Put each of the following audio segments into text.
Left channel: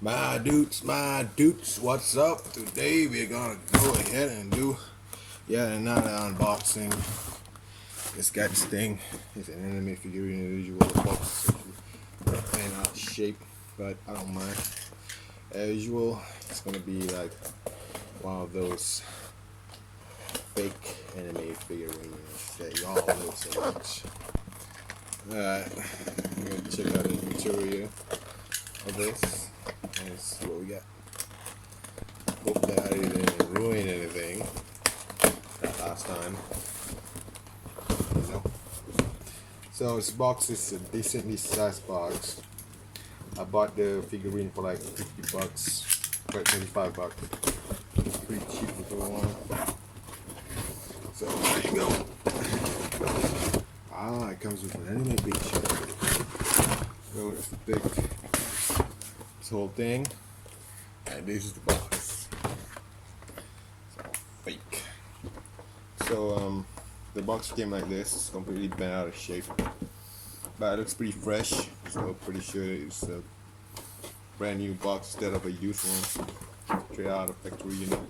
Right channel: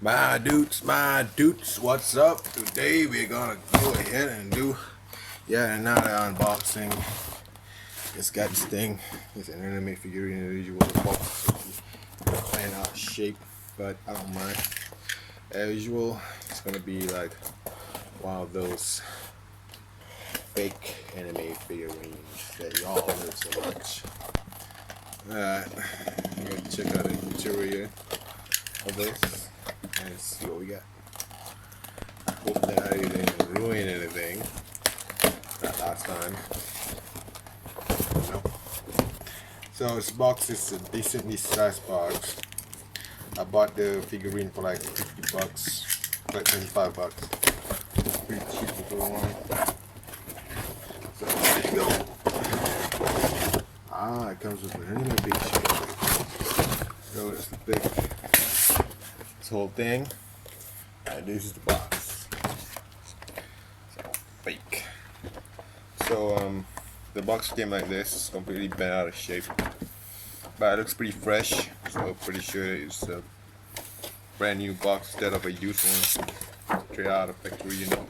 My dudes, what's up? Today we're gonna go ahead and do another unboxing. It's got this thing. It's an anime figurine individual box. Fan out shape, but I don't mind. As usual, it's gonna be like one of those fake anime figurines that y'all know so much. Alright, I'm gonna check out the material of this. And see what we got. Hope that I didn't ruin anything last time. No. So this box is a decently sized box. I bought the figurine for like 50 bucks, like 25 bucks. It's pretty cheap for one. So there you go. It comes with an anime picture. So let's pick this whole thing. And this is the box. So, fake. So the box came like this. It's completely bent out of shape, but it looks pretty fresh. So I'm pretty sure it's a brand new box instead of a used one, straight out of factory unit.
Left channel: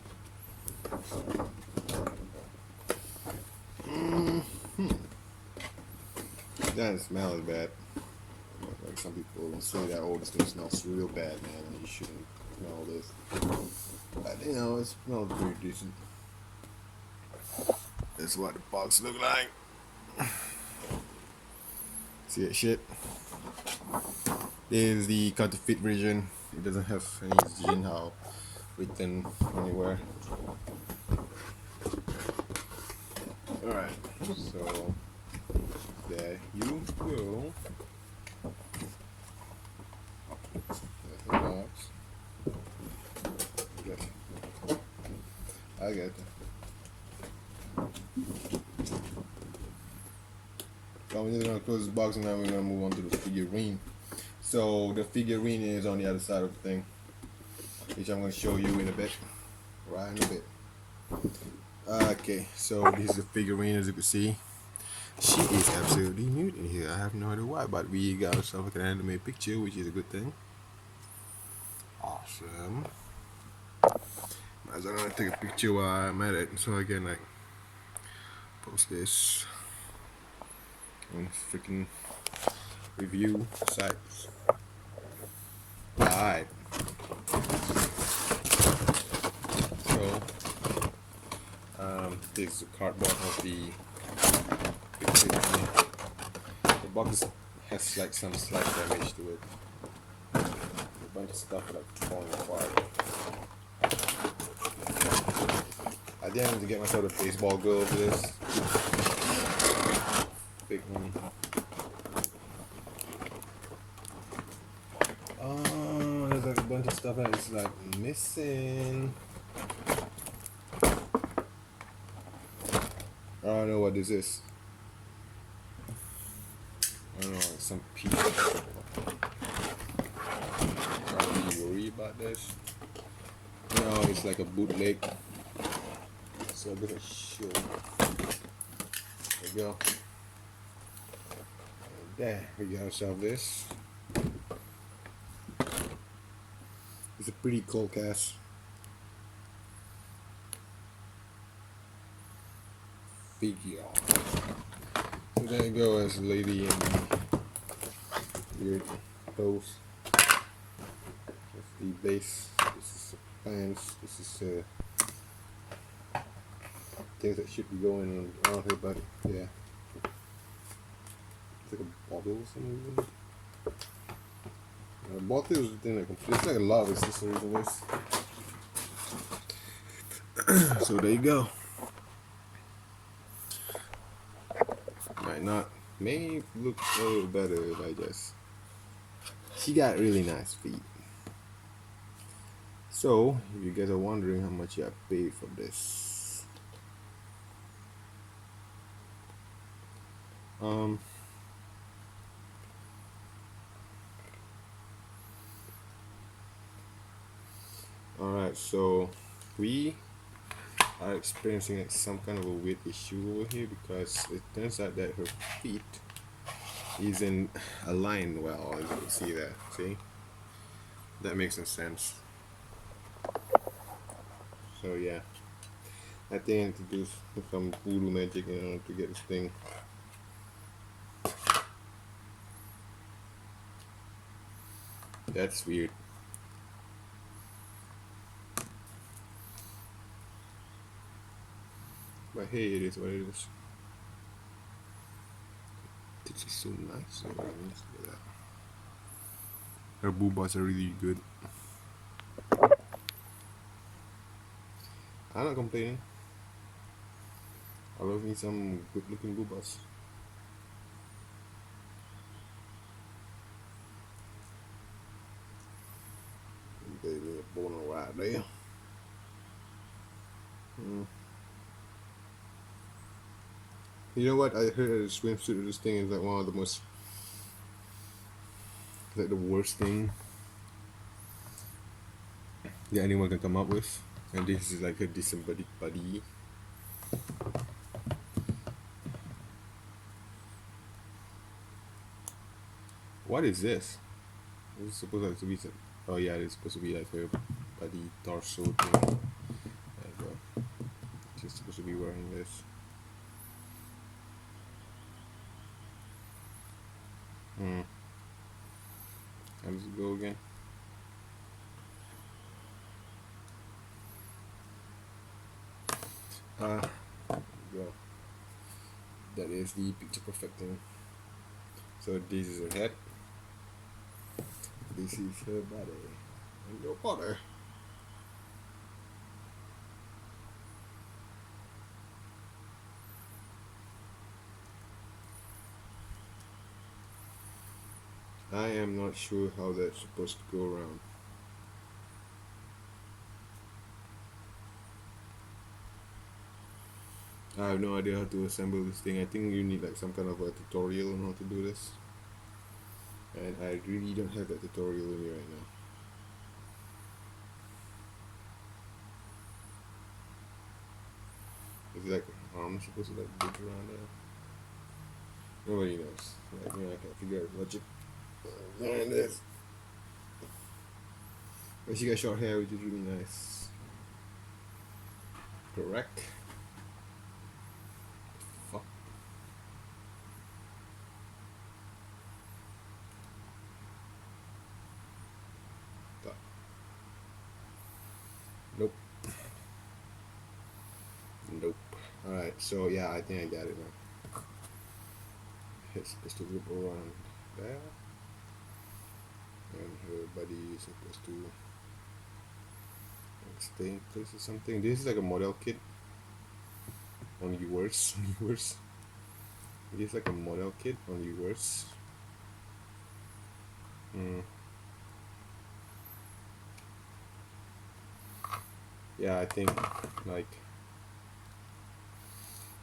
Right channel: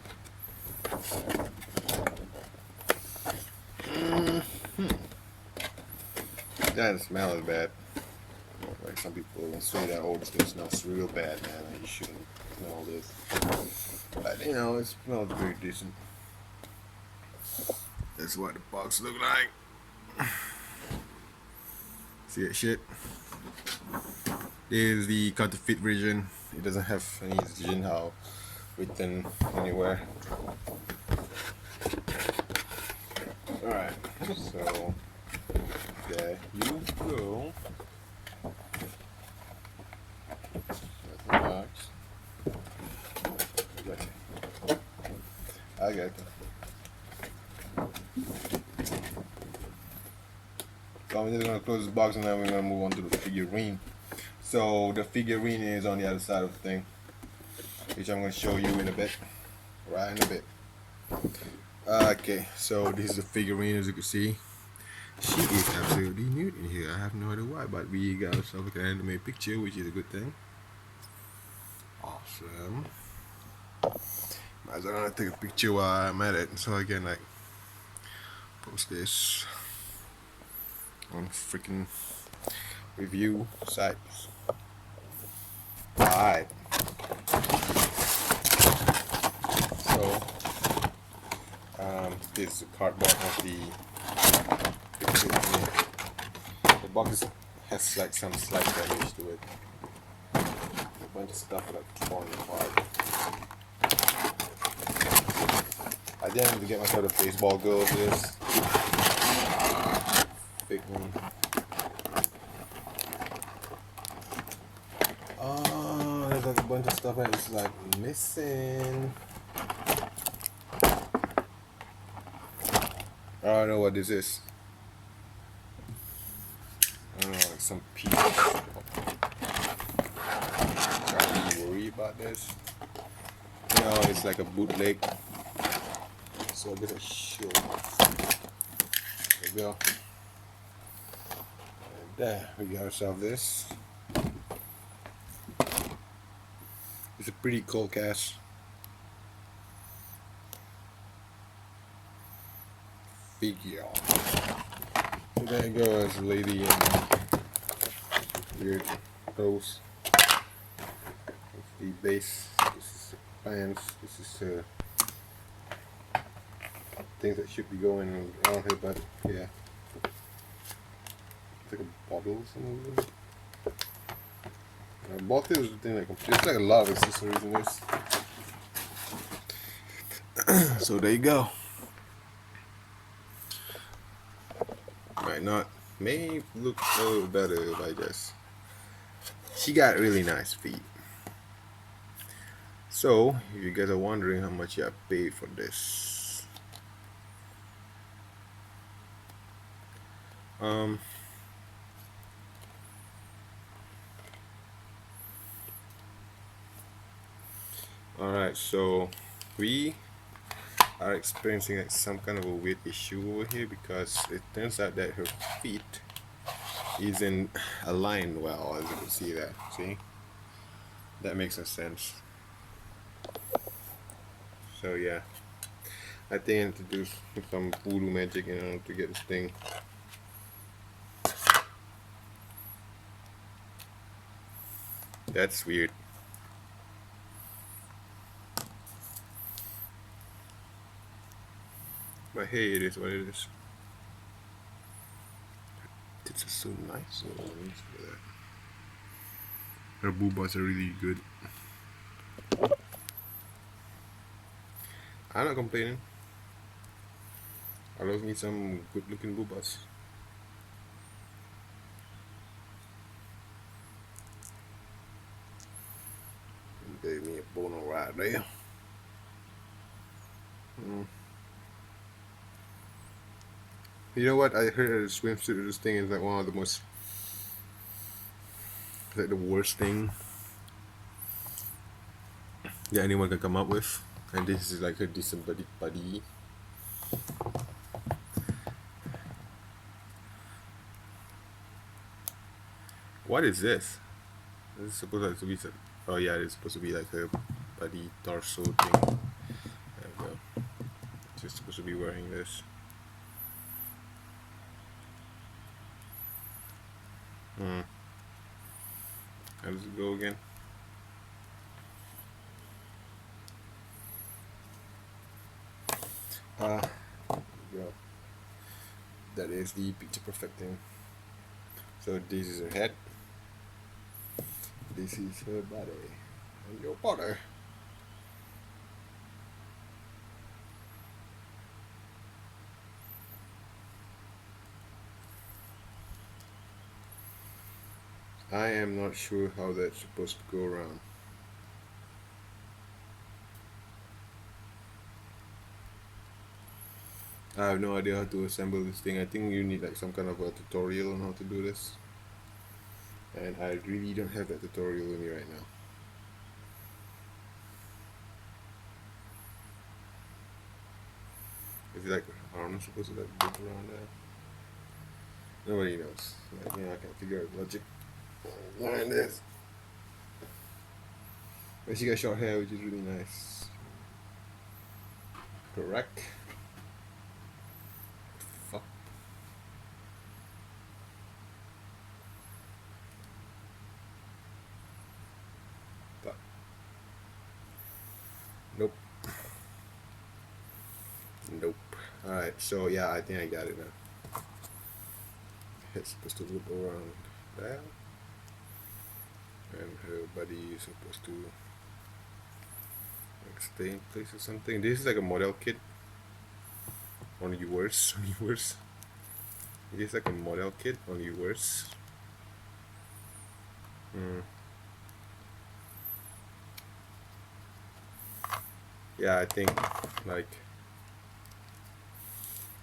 Doesn't smell as bad. Like some people will say that, oh, this thing smells real bad, man. You shouldn't smell this. But you know, it smells pretty decent. That's what the box look like. See that shit? This is the counterfeit version. It doesn't have any Jinhao written anywhere. Alright, so there you go. That's the box. I got it. So I'm just gonna close this box and then we're gonna move on to the figurine. So the figurine is on the other side of the thing, which I'm gonna show you in a bit. Right in a bit. Okay, so this is the figurine, as you can see. She is absolutely nude in here. I have no idea why, but we got ourselves an anime picture, which is a good thing. Awesome. Might as well take a picture while I'm at it, so I can like post this on freaking review sites. Alright. So this is the cardboard of the box has like some slight damage to it. A bunch of stuff that's falling apart. I didn't need to get myself a baseball glove for this. Big one. Oh, there's like a bunch of stuff that's like missing. I don't know what this is. I don't know, like some piece. I don't really worry about this. No, it's like a bootleg. So I guess I should. There we go. And there, we got ourselves this. It's a pretty cool cast. Figure. So there you go, this lady in weird clothes. That's the base. This is the pants. This is things that should be going on here, but yeah. It's like a bottle or something. Both is the thing that there's like a lot of accessories in this. So there you go. Might not, may look a little better if I just. She got really nice feet. So if you guys are wondering how much I paid for this, alright, so we are experiencing like some kind of a weird issue over here because it turns out that her feet isn't aligned well, as you can see that. See, That makes no sense. So yeah, I think I need to do some voodoo magic in order to get this thing. That's weird. But hey, it is what it is. It's just so nice. So let me see that. Her boobas are really good. I'm not complaining. I love me some good looking boobas. Gave me a bono right there. You know what? I heard a swimsuit of this thing is like one of the most, like the worst thing that anyone can come up with. And this is like a decent buddy. What is this? This is supposed to be some, oh yeah, it's supposed to be like a buddy torso thing. There you go. She's supposed to be wearing this. How does it go again? Well, that is the picture perfect thing. So this is her head. This is her body. And your body. I am not sure how that's supposed to go around. I have no idea how to assemble this thing. I think you need like some kind of a tutorial on how to do this. And I really don't have that tutorial with me right now. Is it like, I'm not supposed to like dig around there? Nobody knows. Like, I can't figure out logic behind this. But she got short hair, which is really nice. Correct. Fuck. Fuck. Nope. Nope. Alright, so yeah, I think I got it now. It's supposed to loop around there. And her body is supposed to stay in place or something. This is like a model kit. Only worse. Only worse. This is like a model kit, only worse. Yeah, I think like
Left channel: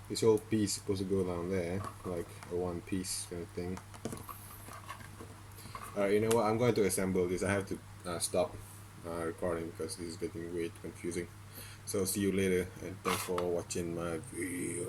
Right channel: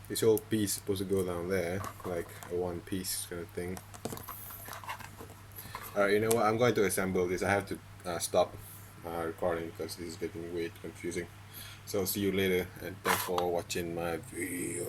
this whole piece is supposed to go down there, like a one piece kind of thing. Alright, you know what? I'm going to assemble this. I have to stop recording because this is getting way too confusing. So see you later, and thanks for watching my videos.